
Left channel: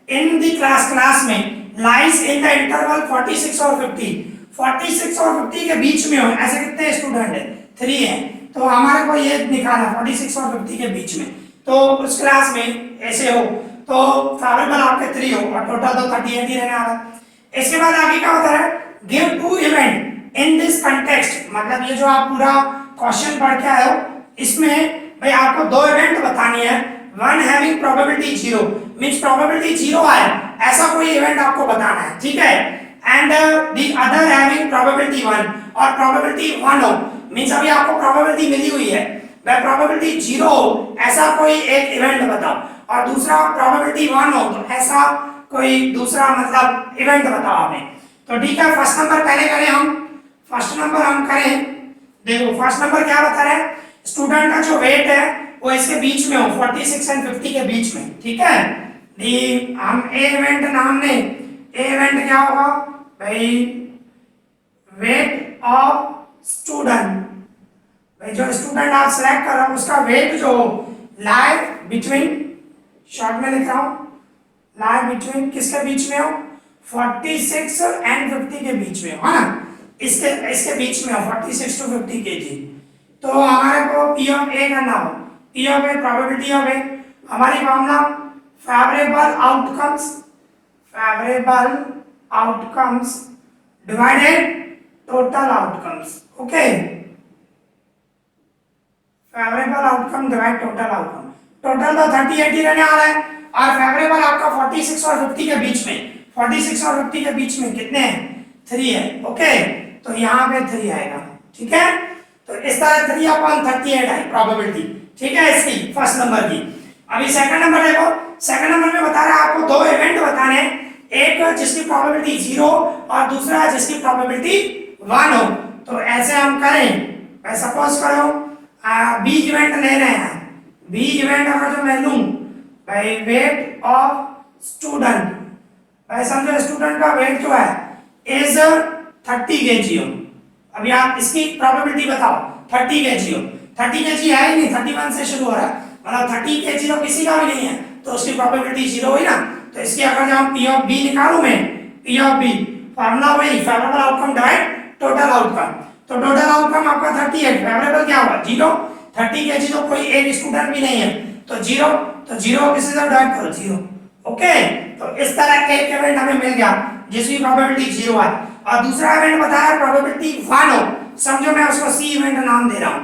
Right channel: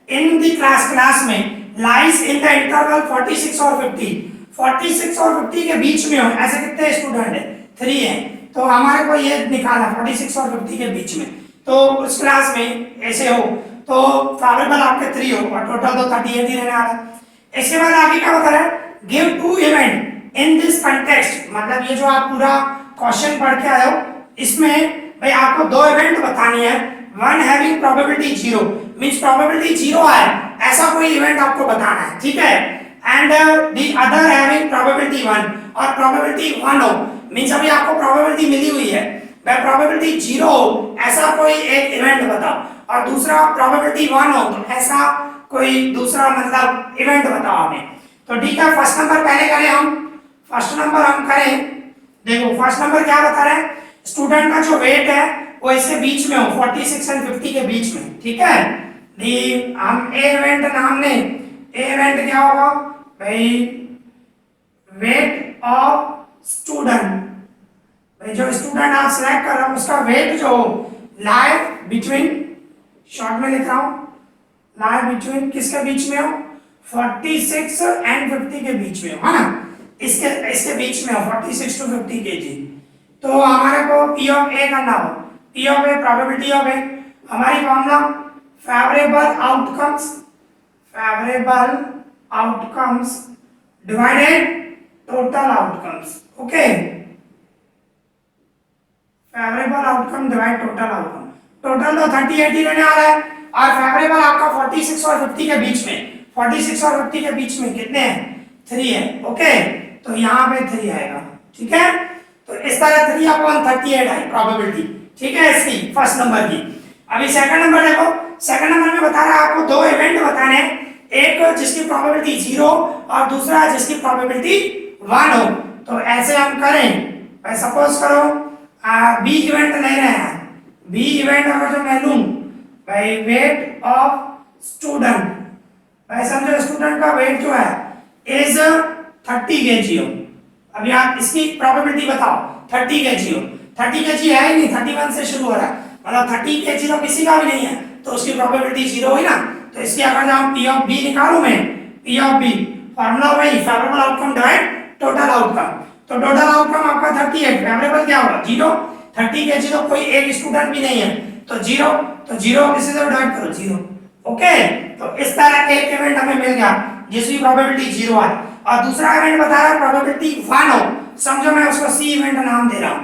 इन द क्लास में लाइज इन द इंटरवल 46 और 50, 46 और 50 के बीच में हो, ऐसे कितने स्टूडेंट है 3 है, तो हमारे को ये निकालना 46 और 50 के बीच में, तो उस क्लास में ऐसे हो तो प्रोबेबल आपके 3 हो और टोटल तो 38 ही रहने वाला है। इसके बाद आगे क्या बता रहा है, give 2 event in this context, मतलब ये जो आप पूरा क्वेश्चन पढ़ के आए हो इसमें भाई आपको 2 इवेंट बतानी है, one having probability 0 means probability 0 है ऐसा कोई इवेंट आपको बताना है, ठीक है, and the other having probability 1 और प्रोबेबिलिटी 1 हो, मींस अभी आपको प्रोबेबिलिटी मिली हुई है, वह प्रोबेबिलिटी 0 हो ऐसा कोई एक इवेंट बताओ, और दूसरा प्रोबेबिलिटी 1 हो तो ऐसा कोई दूसरा मतलब इवेंट बताओ हमें। तो ठीक है, फर्स्ट नंबर पहले करें हम, फर्स्ट नंबर हम करें, देखो फर्स्ट नंबर क्या बता रहे हैं, स्टूडेंट का जो वेट है वो इसके बीच में हो 46 एंड 50 के बीच में, ठीक है। हम ए इवेंट नाम ने, ए इवेंट क्या होगा भाई, वेट ऑफ स्टूडेंट, भाई जो स्टूडेंट आप सिलेक्ट कर रहे हो उसका वेट जो लाई बिटवीन, शॉर्ट में लिख रहा हूं, लाई बिटवीन किसके बीच में हो 46 एंड 50 के बीच में हो, है ना, इसके बीच में हो 46 to 50 केजी, तो हमारे को P of A करना हो, P of A probability of A, हमारी formula favourable outcomes divided total outcomes, okay, favourable outcome divide total outcome, total तो 38 ही रहने वाला है, और फेवरेबल आपका 46 और 50 के बीच में, 46 और 50 के बीच में कितने हैं 3 है, ओके, तो यहाँ पे 3 आएगा, ठीक है। तो इस तरह 3/38 आई प्रोबेबिलिटी, ठीक है, इसकी फर्स्ट नंबर की। अभी सेकंड नंबर देखो, सेकंड नंबर में बता रहा है आपको 2 इवेंट बताने हैं, एक जिसकी प्रोबेबिलिटी 0 और दूसरा जिसकी प्रोबेबिलिटी 1 हो, तो ऐसे हम करें, भाई सपोज करो बी इवेंट ले रहे हैं, बी इवेंट अगर जो मैं लूं भाई वेट ऑफ स्टूडेंट, भाई समझो स्टूडेंट का वेट जो है इज 30 केजी हो, अभी आप इसकी प्रोबेबिलिटी बताओ 30 केजी हो, 30 केजी है ही नहीं, 31 से शुरू हो रहा है, मतलब 30 केजी तो किसी का भी नहीं है, तो उसकी प्रोबेबिलिटी 0 हुई ना, तो इसकी अगर हम P of B निकालूं मैं, P of B फार्मूला वही favourable outcome divide total outcome, तो टोटल आउटकम आपका 38, फेवरेबल क्या होगा 0, 30 केजी तो कोई एक स्टूडेंट भी नहीं है तो 0, तो 0 किसी से डिवाइड करो 0, ओके। तो इस तरह एक इवेंट हमें मिल गया जिसकी प्रोबेबिलिटी 0 है, और दूसरा इवेंट बता रहा है प्रोबेबिलिटी 1 हो, समझो मैं उसको सी इवेंट नाम दे रहा हूं,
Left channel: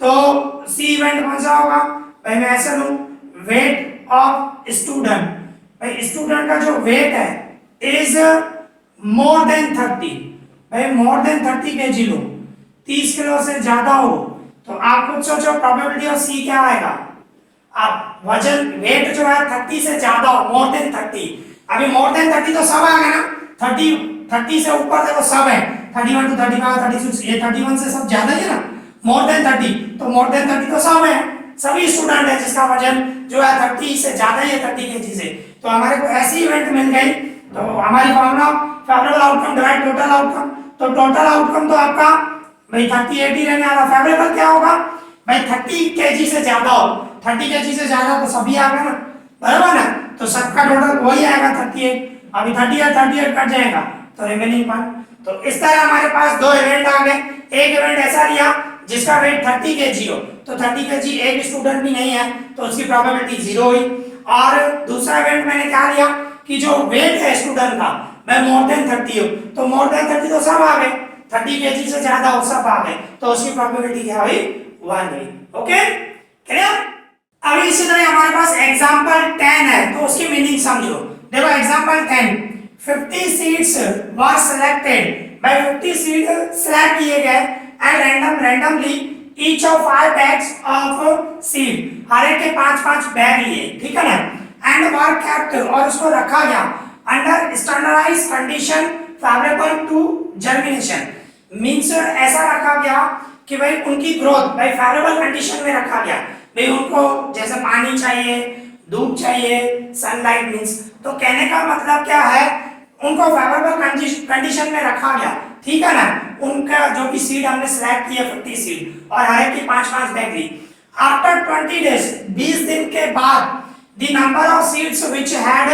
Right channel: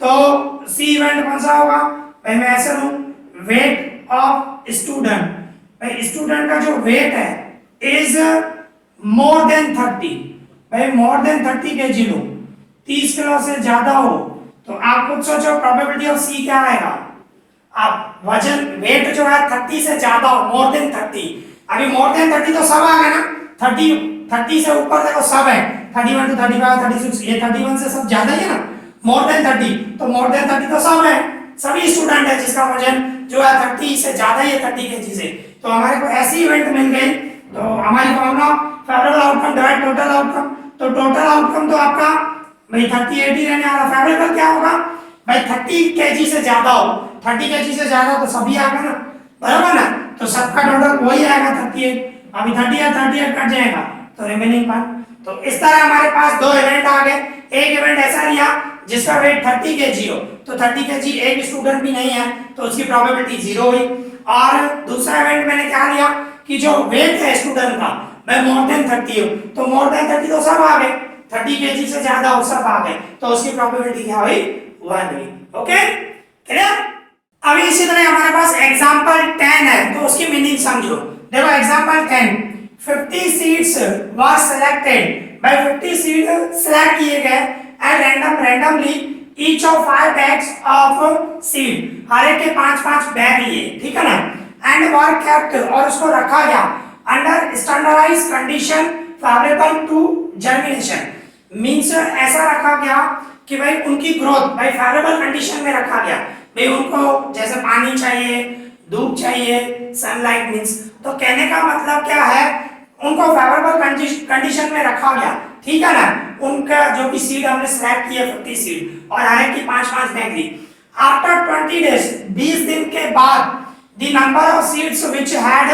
तो सी इवेंट कौन सा होगा भाई, मैं ऐसे लूं वेट ऑफ स्टूडेंट, भाई स्टूडेंट का जो वेट है इज मोर देन 30, भाई मोर देन 30 केजी लो, 30 किलो से ज्यादा हो, तो आप खुद सोचो प्रोबेबिलिटी ऑफ सी क्या आएगा। आप वजन वेट जो है 30 से ज्यादा हो, मोर देन 30, अभी मोर देन 30 तो सब आ गए ना, 30 से ऊपर देखो सब है, 31 to 35 36, ये 31 से सब ज्यादा ही है ना, मोर देन 30, तो मोर देन 30 तो सब है, सभी स्टूडेंट है जिसका वजन जो है 30 से ज्यादा ही है, 30 केजी से, तो हमारे को ऐसी इवेंट मिल गई, तो हमारी formula favourable outcome divide total outcome, तो टोटल आउटकम तो आपका भाई 30 80 रहने वाला, फेवरेबल क्या होगा भाई 30 केजी से ज्यादा हो, 30 केजी से ज्यादा तो सभी आएगा ना, बराबर ना, तो सबका टोटल वही आएगा 38, अभी 38 कट जाएगा तो रिमेनिंग पार्ट, तो इस तरह हमारे पास दो इवेंट आ गए, एक इवेंट ऐसा लिया जिसका वेट 30 केजी हो, तो 30 केजी एक स्टूडेंट भी नहीं है तो उसकी प्रोबेबिलिटी 0 हुई, और दूसरा इवेंट मैंने क्या लिया कि जो वेट है स्टूडेंट का मैं मोर देन 30 हो, तो मोर देन 30 तो सब आ गए, 30 केजी से ज्यादा हो सब आ गए, तो उसकी प्रोबेबिलिटी क्या हुई 1 हुई। Okay clear. अभी इसी तरह हमारे पास एग्जांपल 10 है, तो उसकी मीनिंग समझो, देखो example 10 50 seeds were selected, by 50 seed select किए गए and randomly each of 5 bags of seed, हर एक के 5-5 बैग लिए, ठीक है ना, एंड वर केप्ट, और उसको रखा गया under standardised condition favourable to germination, means ऐसा रखा गया कि भाई उनकी ग्रोथ भाई फेवरेबल कंडीशन में रखा गया, भाई उनको जैसे पानी चाहिए, धूप चाहिए, सनलाइट मींस, तो कहने का मतलब क्या है उनको फेवरेबल कंडीशन में रखा गया, ठीक है ना, उनका जो भी सीड हमने सिलेक्ट किया 50 सीड और हर एक की 5-5 बैग ली, आफ्टर 20 डेज 20 दिन के बाद the number of seeds which had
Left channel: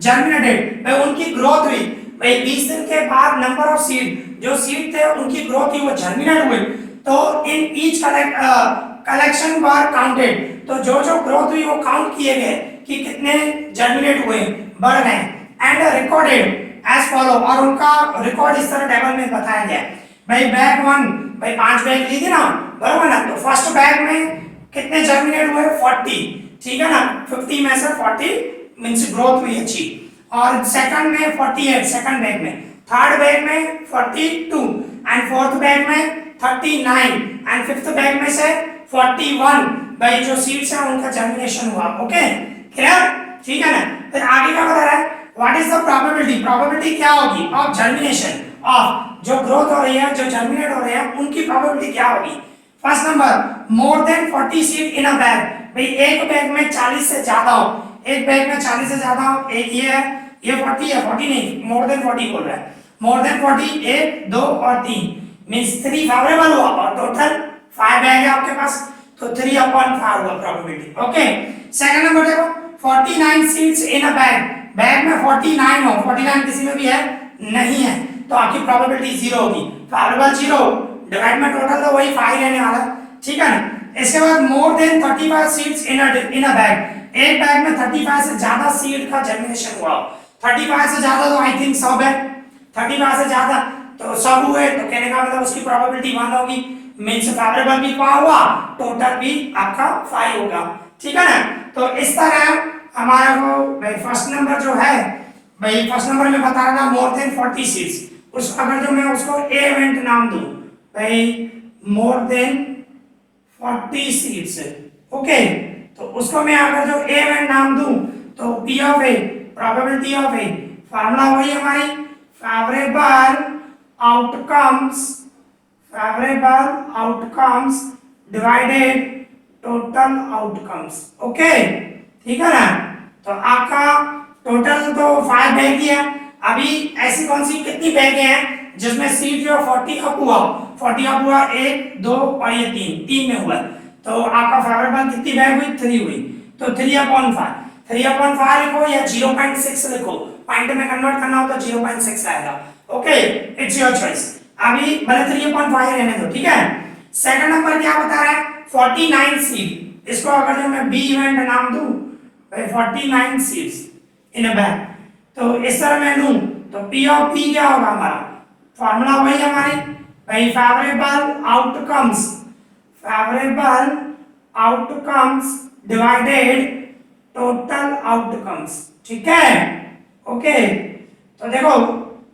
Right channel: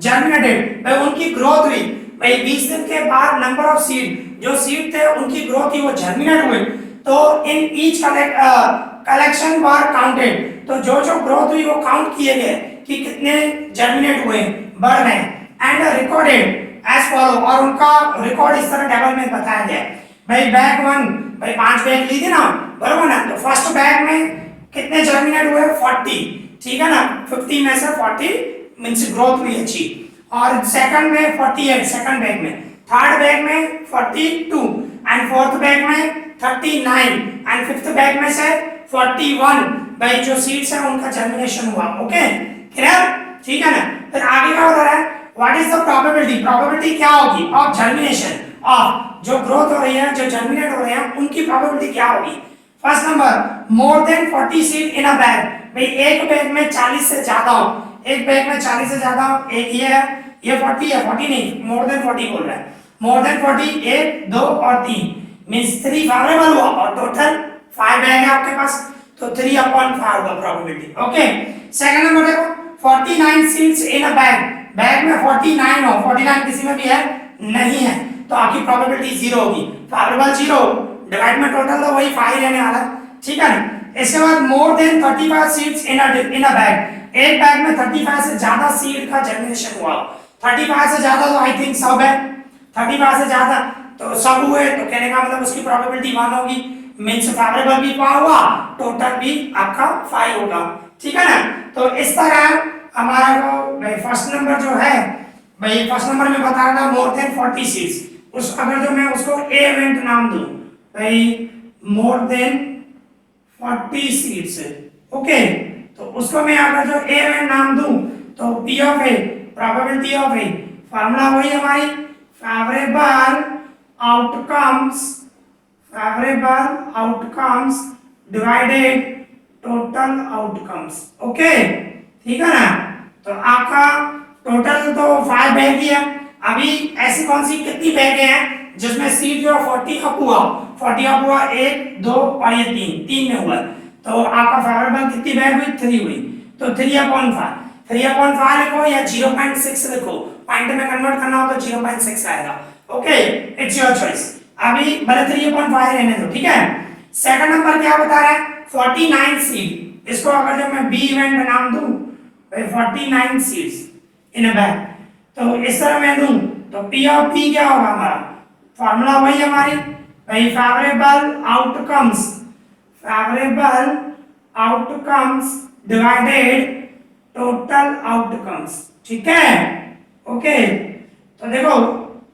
germinated, भाई उनकी ग्रोथ हुई, भाई 20 दिन के बाद नंबर ऑफ सीड जो सीड थे उनकी ग्रोथ की वो जर्मिनेट हुई, तो in each collection were counted, तो जो जो ग्रोथ हुई वो काउंट किए गए कि कितने जर्मिनेट हुए, बढ़ गए, एंड रिकॉर्डेड एज फॉलो, और उनका रिकॉर्ड इस तरह टेबल में बताया गया, भाई बैग 1 भाई 5 बैग ली थी ना, बराबर ना, तो फर्स्ट बैग में कितने जर्मिनेट हुए 40, ठीक है ना, 50 में से 40 मींस ग्रोथ हुई अच्छी, और सेकंड में 48 सेकंड बैग में, थर्ड बैग में 42 एंड फोर्थ बैग में 39 एंड फिफ्थ बैग में से 41, भाई जो सीड्स हैं उनका जर्मिनेशन हुआ। ओके क्लियर, ठीक है ना। फिर आगे क्या बता रहा है, what is the probability, probability क्या होगी ऑफ जर्मिनेशन, ऑफ जो ग्रोथ हो रही है, जो जर्मिनेट हो रहे हैं उनकी प्रोबेबिलिटी क्या होगी। First number more than 40 seed in a bag, भाई एक बैग में 40 से ज्यादा हो, एक बैग में 40 से ज्यादा हो, एक ये है, ये 40 है, 40 नहीं मोर देन 40 बोल रहा है, मोर देन 40 1 2 और 3 मींस 3 फेवरेबल हुआ और टोटल 5 बैग है आपके पास, तो 3/5 होगा प्रोबेबिलिटी। ओके सेकंड नंबर देखो 49 सीड्स इन अ बैग, बैग में 49 हो, 49 किसी में भी है नहीं है, तो आपकी प्रोबेबिलिटी 0 होगी, फेवरेबल 0, डिवाइड में टोटल तो वही 5 रहने वाला है, ठीक है ना। इसके बाद मोर देन 35 सीड्स इन अ बैग, एक बैग में 35 से ज्यादा सीड का जर्मिनेशन हुआ, 35 से ज्यादा तो आई थिंक सब है, 35 से ज्यादा तो सब हुए, तो कहने का मतलब उसकी प्रोबेबिलिटी 1 होगी, मींस फेवरेबल भी 5 हुआ, टोटल भी आपका 5 होगा, ठीक है ना। तो इस तरह हमारा वो भाई फर्स्ट नंबर जो है, भाई फर्स्ट नंबर में बता रहा था मोर देन 40 सीड्स, उस अगर जो मैं उसको ए इवेंट नाम दूं, भाई मोर देन 40 सीड्स, ओके, तो उसको मैं अगर जो ए इवेंट नाम दूं तो P of A probability of A, formula वही हमारी favourable outcomes divided total outcomes. Okay ठीक है ना। तो आपका टोटल तो 5 बैग ही है, अभी ऐसी कौन सी कितनी बैग हैं जिसमें सीड जो 40 अप हुआ, 40 अप हुआ 1 2 और ये 3 में हुआ, तो आपका फेवरेबल कितनी बैग हुई 3 हुई, तो 3/5 लिखो या 0.6 लिखो, पॉइंट में कन्वर्ट करना हो तो 0.6 आएगा। ओके इट्स योर चॉइस, अभी भले 3/5 रहने दो, ठीक है। सेकंड नंबर क्या बता रहा है 49 सीड, इसको अगर जो मैं बी इवेंट नाम दूं 49 सीड्स इन अ बैग, तो इस तरह मैं दूं तो पी ऑफ पी क्या होगा हमारा, फार्मूला वही हमारी भाई favorable outcomes divided total outcomes, ठीक है। ओके, तो देखो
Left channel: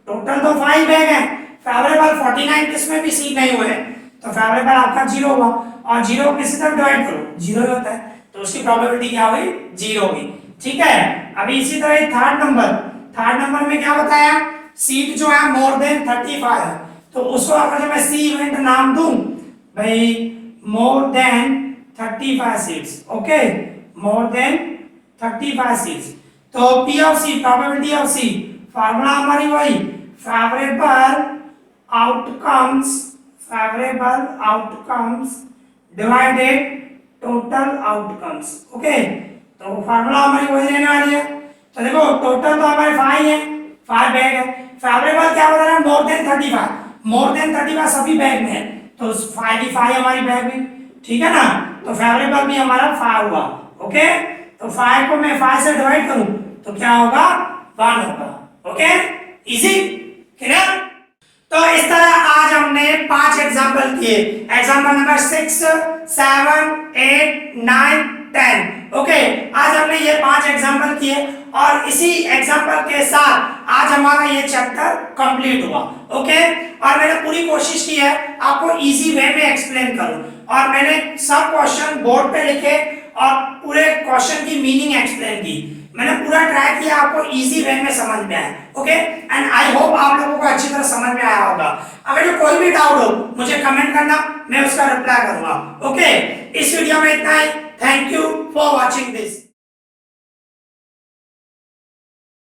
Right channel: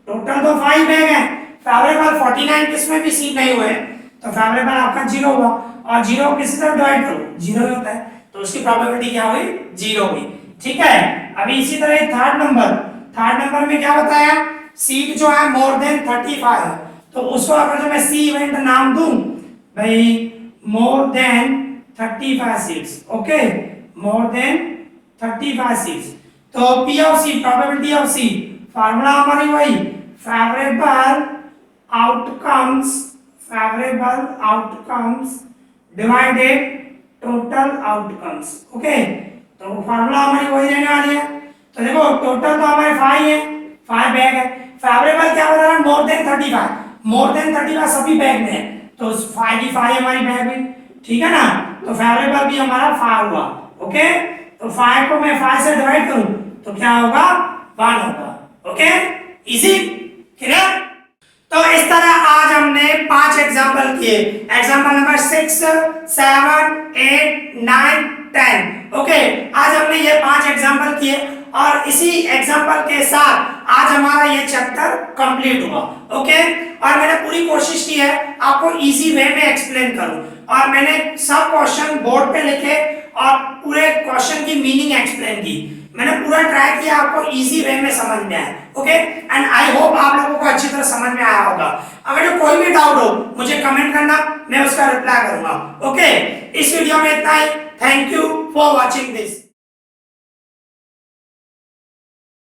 टोटल तो 5 बैग है, फेवरेबल 49 किसमें भी सीट नहीं हुए, तो फेवरेबल आपका 0 हुआ, और 0 किसी तरफ डिवाइड करो 0 होता है, तो उसकी प्रोबेबिलिटी क्या हुई, 0 हुई, ठीक है। अभी इसी तरह थर्ड नंबर में क्या बताया, सीट जो है मोर देन 35 है, तो उसको अगर मैं सी इवेंट नाम दूं भाई, more than 35 seats, okay, more than 35 seats, तो P of C, probability of C, formula हमारी वही favourable outcomes divided total outcomes, okay, तो फार्मूला हमारी वही रहने वाली है। तो देखो टोटल तो हमारे 5 है, 5 बैग है, फेवरेबल क्या बता रहा है, मोर देन 35 सभी बैग में है, तो 5 की 5 हमारी बैग भी, ठीक है ना, तो फेवरेबल भी हमारा 5 हुआ, ओके, तो 5 को मैं 5 से डिवाइड करूं तो क्या होगा, 1 होगा, ओके, इजी, क्लियर। तो इस तरह आज हमने 5 एग्जांपल किए, एग्जांपल नंबर 6, 7, 8, 9, 10, ओके, आज हमने ये 5 एग्जांपल किए, और इसी एग्जांपल के साथ आज हमारा ये चैप्टर कंप्लीट हुआ, ओके। और मैंने पूरी कोशिश की है आपको इजी वे में एक्सप्लेन करूं, और मैंने सब क्वेश्चन बोर्ड पे लिखे और पूरे क्वेश्चन की मीनिंग एक्सप्लेन की, मैंने पूरा ट्राई किया आपको इजी वे में समझ में आए, ओके, एंड आई होप आप लोगों को अच्छी तरह समझ में आया होगा। अगर जो कोई भी डाउट हो मुझे कमेंट करना, मैं उसका रिप्लाई करूंगा, ओके। इस वीडियो में इतना ही, thank you for watching this.